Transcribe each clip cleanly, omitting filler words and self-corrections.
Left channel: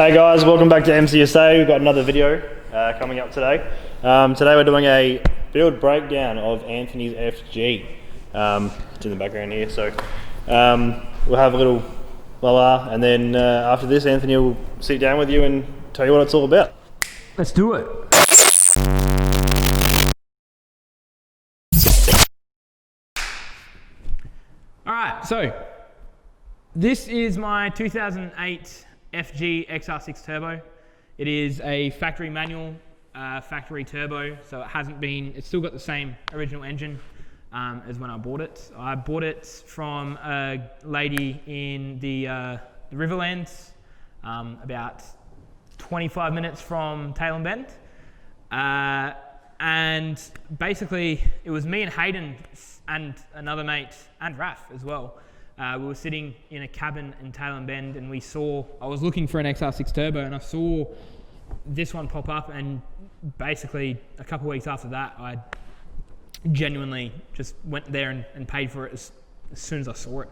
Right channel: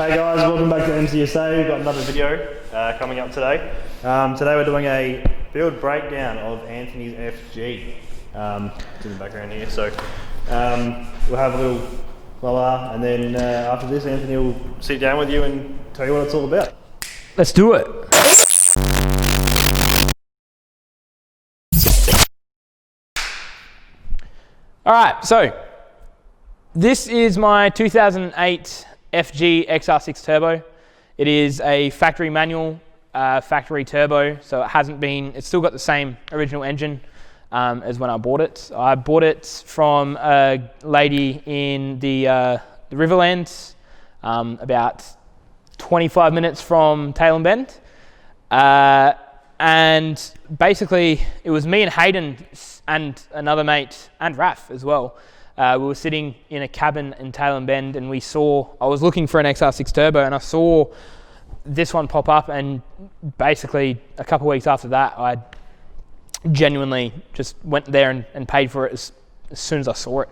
Hey guys, welcome back to MCSA. We've got another video coming up today. Today we're doing a build breakdown of Anthony's FG. It's in the background here, so we'll have a little la and then after this Anthony will sit down with you and tell you what it's all about. Let's do it. Alright, so this is my 2008 FG XR6 Turbo. It is a factory manual, factory turbo, so it's still got the same original engine as when I bought it. I bought it from a lady in the Riverlands, about 25 minutes from Tailem Bend. And basically, it was me and Hayden and another mate, and Raf as well. We were sitting in a cabin in Tailem Bend and I was looking for an XR6 Turbo and I saw this one pop up, and basically a couple of weeks after that, I genuinely just went there and paid for it as soon as I saw it.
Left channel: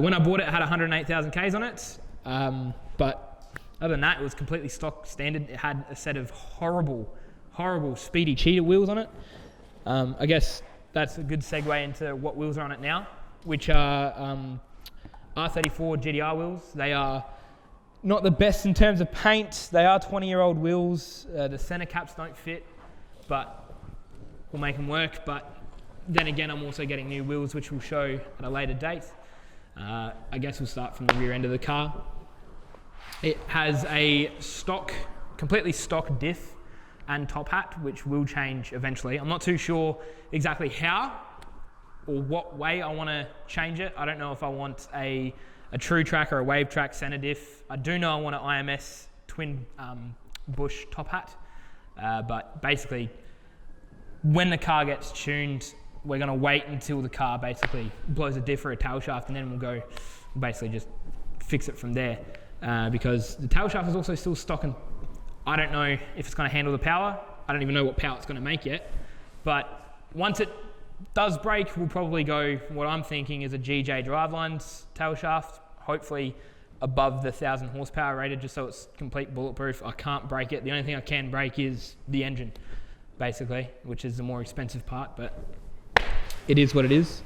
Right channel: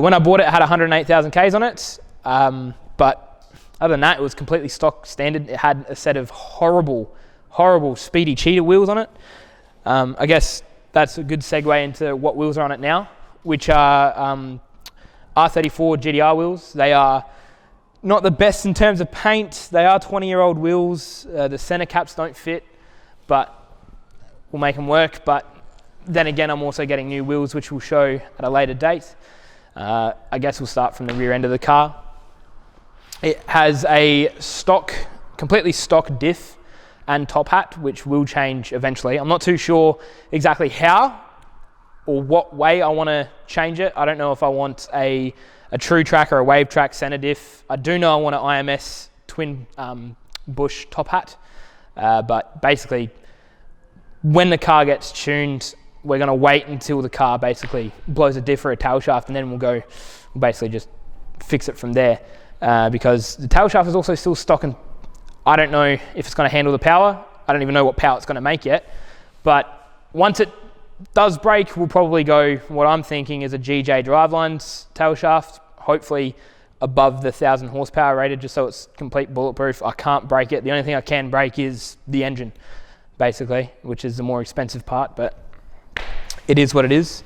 When I bought it, it had 108,000 Ks on it, but other than that, it was completely stock standard. It had a set of horrible speedy cheetah wheels on it. I guess that's a good segue into what wheels are on it now, which are R34 GDR wheels. They are not the best in terms of paint. They are 20-year-old wheels. The center caps don't fit, but we'll make them work. But then again, I'm also getting new wheels, which we'll show at a later date. I guess we'll start from the rear end of the car. It has a completely stock diff and top hat, which will change eventually. I'm not too sure exactly how or what way I want to change it. I don't know if I want a true track or a wave track center diff. I do know I want an IMS twin bush top hat, but basically when the car gets tuned, we're going to wait until the car basically blows a diff or a tail shaft, and then we'll basically just fix it from there, because the tail shaft is also still stock, and I don't know if it's going to handle the power. I don't even know what power it's going to make yet, but once it does break, we'll probably go, what I'm thinking is a GJ Drivelines tail shaft, hopefully above the 1,000 horsepower rated, just so it's complete bulletproof. I can't break it. The only thing I can break is the engine, basically, which is the more expensive part, but it is what it is.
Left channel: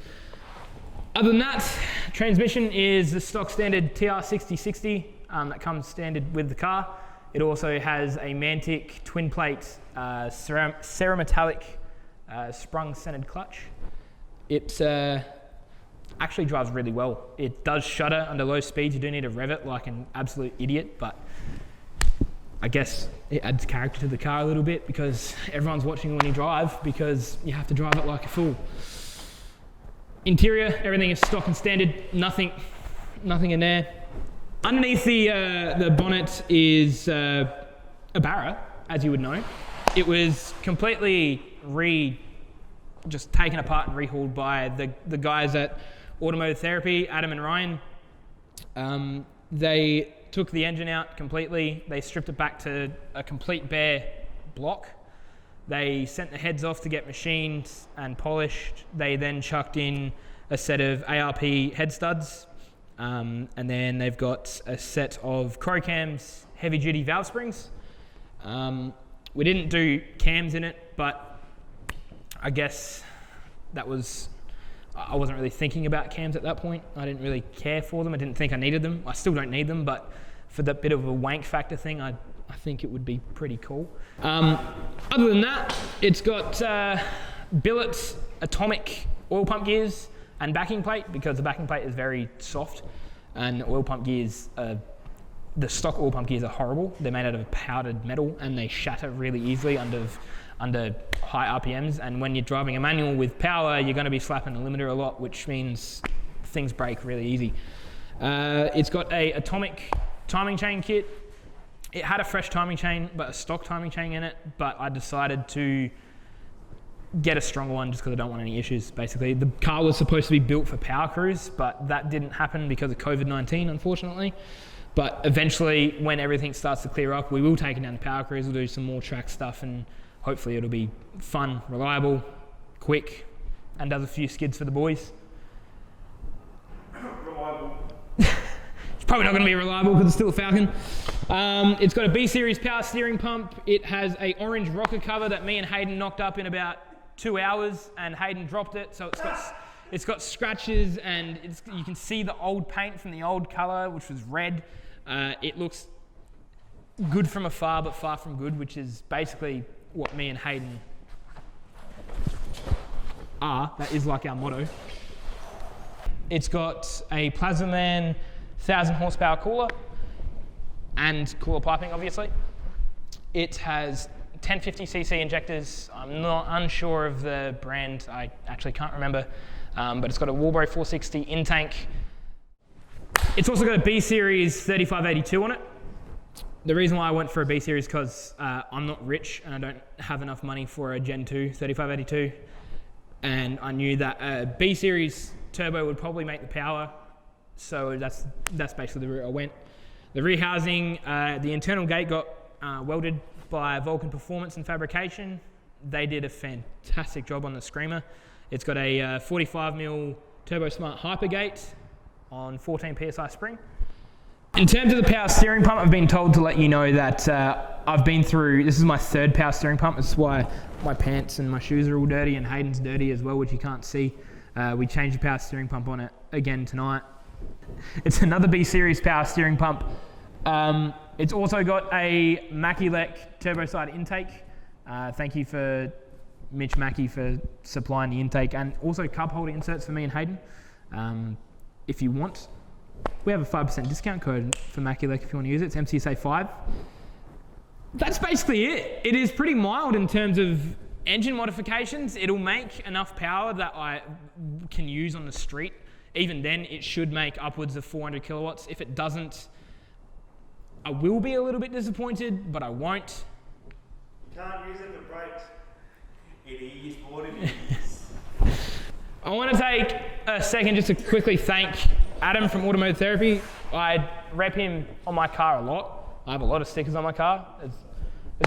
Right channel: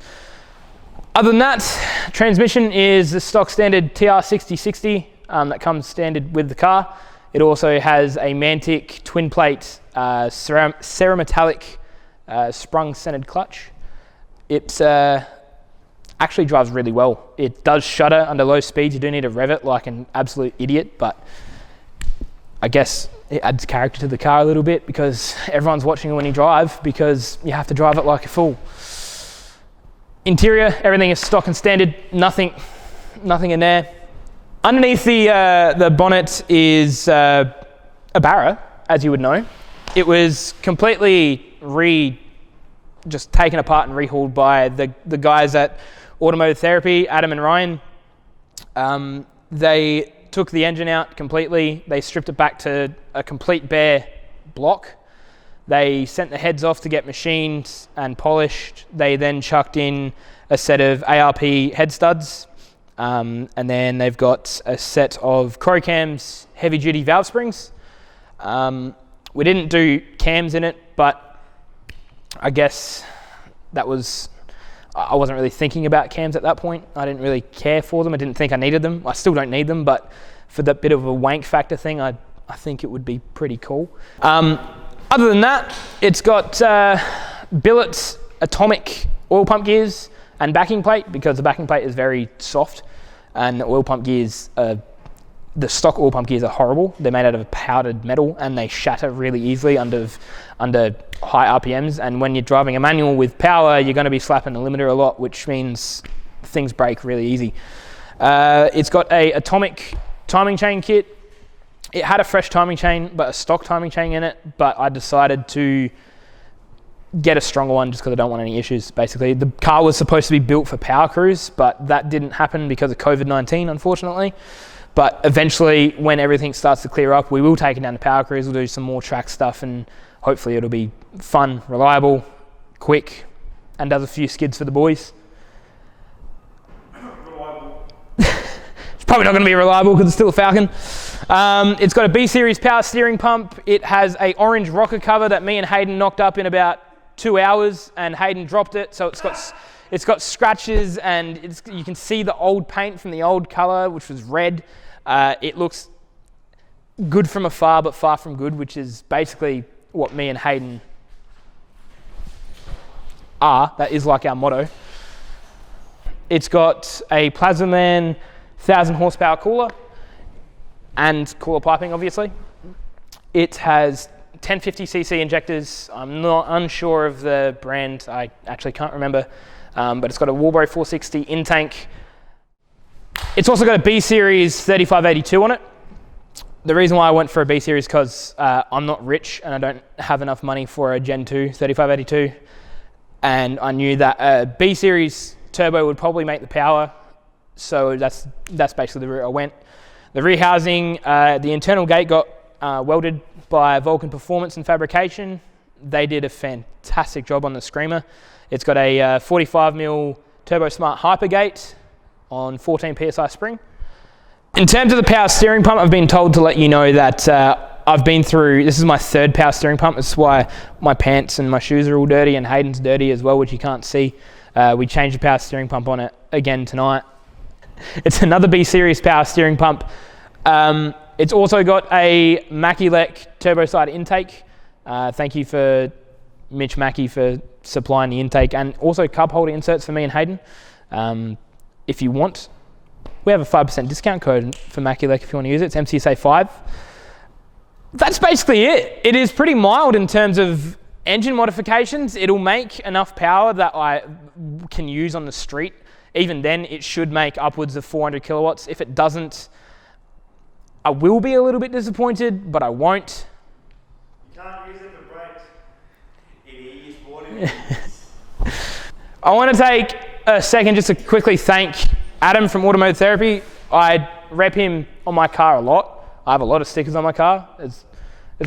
Other than that, transmission is the stock standard TR6060 that comes standard with the car. It also has a Mantic twin plate cerametallic sprung centered clutch. It actually drives really well. It does shudder under low speeds. You do need to rev it like an absolute idiot, but I guess it adds character to the car a little bit because everyone's watching you when you drive, because you have to drive it like a fool. Interior, everything is stock and standard, nothing in there. Underneath the bonnet is a Barra, as you would know. It was completely just taken apart and rehauled by the guys at Automotive Therapy, Adam and Ryan. They took the engine out completely. They stripped it back to a complete bare block. They sent the heads off to get machined and polished. They then chucked in a set of ARP head studs. And then they've got a set of Crow cams, heavy duty valve springs. We didn't do cams in it, but I guess I wasn't really thinking about cams at that point. I didn't really care for them. I didn't think I needed them. I still don't need them, but for that bit of a wank factor thing, I think it would be pretty cool. Other than that, it's got billet atomic oil pump gears and backing plate, because the backing plate is very soft, and the oil pump gears, the stock oil pump gears are horrible. They're made out of powdered metal and they shatter really easily under high RPMs. And when you're driving a manual with power, you're going to be slapping the limiter a lot, which means things break really easy. It's got a atomic timing chain kit. It had a fresh timing chain, but a stock timing chain in it, but I decided to get a stronger one just because I don't want any issues, basically. The car was supposed to be built for power cruise, but that didn't happen because of COVID-19, unfortunately. But eventually, when everything starts to clear up, we will take it down to power cruise. We'll do some more track stuff, and hopefully it'll be fun, reliable, quick, and does a few skids for the boys. Reliable. It's probably not going to be reliable because it's still a Falcon. It's got a B series power steering pump. It has a orange rocker cover that me and Hayden knocked up in about 2 hours, and Hayden dropped it. So it's got scratches, and you can see the old paint from the old color, which was red. It looks good from afar, but far from good, which is basically what me and Hayden are. That is like our motto. It's got a Plasma Man 1000 horsepower cooler and cooler piping, obviously. It has 1050cc injectors. I'm not unsure of the brand. I actually can't remember. But it's got a Walbro 460 in-tank. It's also got a B series 3582 on it. The reason why I went for a B series is because I'm not rich and I don't have enough money for a Gen 2 3582. And I knew that a B series turbo would probably make the power. So that's basically the route I went. The rear housing, the internal gate got welded by Vulcan Performance and Fabrication. They did a fantastic job on the Screamer. It's got a 45mm Turbo Smart Hypergate on 14 PSI spring. In terms of the power steering pump, I've been told to let you know that I've been through, this is my third power steering pump. That's why my pants and my shoes are all dirty, and Hayden's dirty as well, which you can't see. We changed the power steering pump on it again tonight. It's another B series power steering pump. It's also got a Mackie-Lec turbo side intake. Thank you for Mitch Mackey for supplying the intake, and also cup holder inserts for me and Hayden. If you want, we have a 5% discount code for Mackie-Lec if you want to use it. It's MCSA 5. That's basically it. It is pretty mild in terms of engine modifications. It'll make enough power that I can use on the street. Even then, it should make upwards of 400 kilowatts. If it doesn't, I will be a little bit disappointed, but I won't. You can't use it for brakes. It is what it is. I want to take a second just to quickly thank Adam from Automotive Therapy. I rep him on my car a lot. I have a lot of stickers on my car, as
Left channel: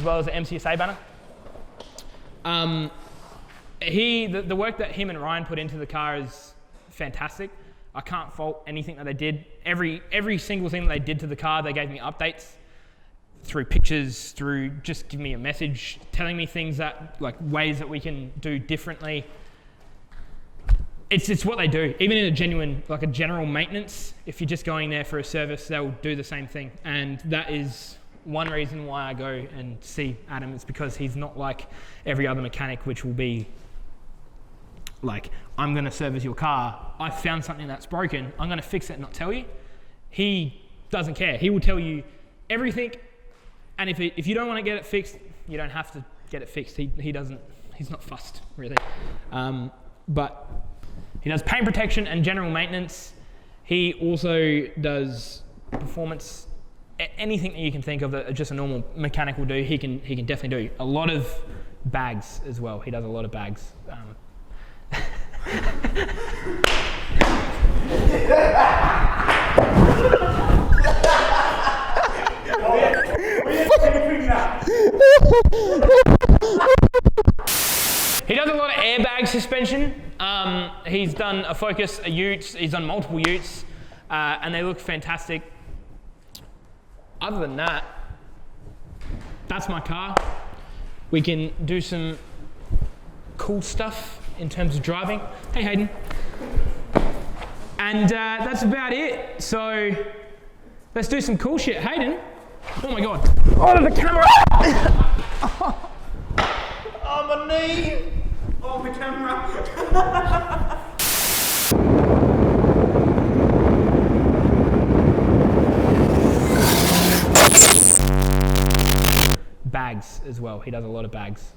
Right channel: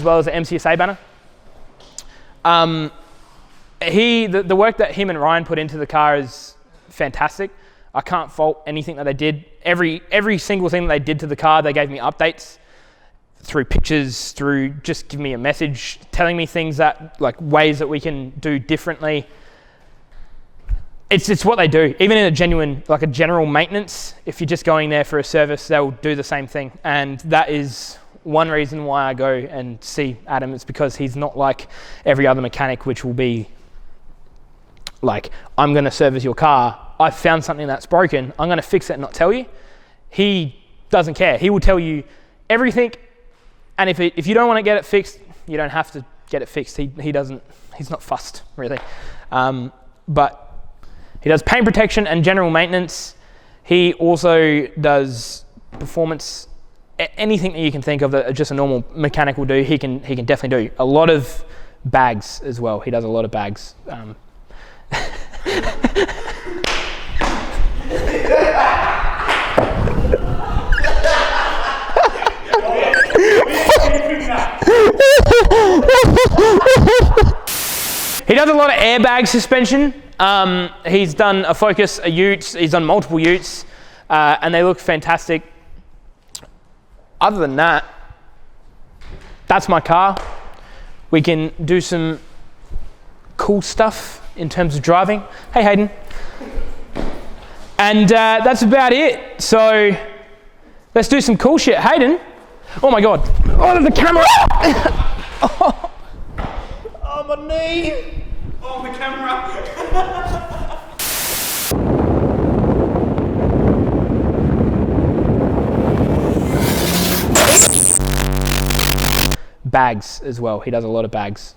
well as the MCSA banner. The work that him and Ryan put into the car is fantastic. I can't fault anything that they did. Every single thing that they did to the car, they gave me updates through pictures, through just giving me a message, telling me things that, like ways that we can do differently. It's what they do. Even in a general maintenance, if you're just going there for a service, they'll do the same thing. And that is one reason why I go and see Adam. It's because he's not like every other mechanic, which will be like, I'm going to service your car. I found something that's broken. I'm going to fix it and not tell you. He doesn't care. He will tell you everything. And if you don't want to get it fixed, you don't have to get it fixed. He's not fussed, really. But he does paint protection and general maintenance. He also does performance, anything that you can think of that just a normal mechanic will do, he can definitely do. A lot of bags as well. He does a lot of bags. He does a lot of airbag suspension. He's done a Focus, a Ute, he's done multiple Utes, and they look fantastic. Other than that, that's my car. We can do some cool stuff in terms of driving. Hey, Hayden. And that's about it. So let's do some cool shit. Hayden. Oh my God. Oh, the camera. Oh, my knee. Oh, the camera. Bags as well. He does a lot of bags.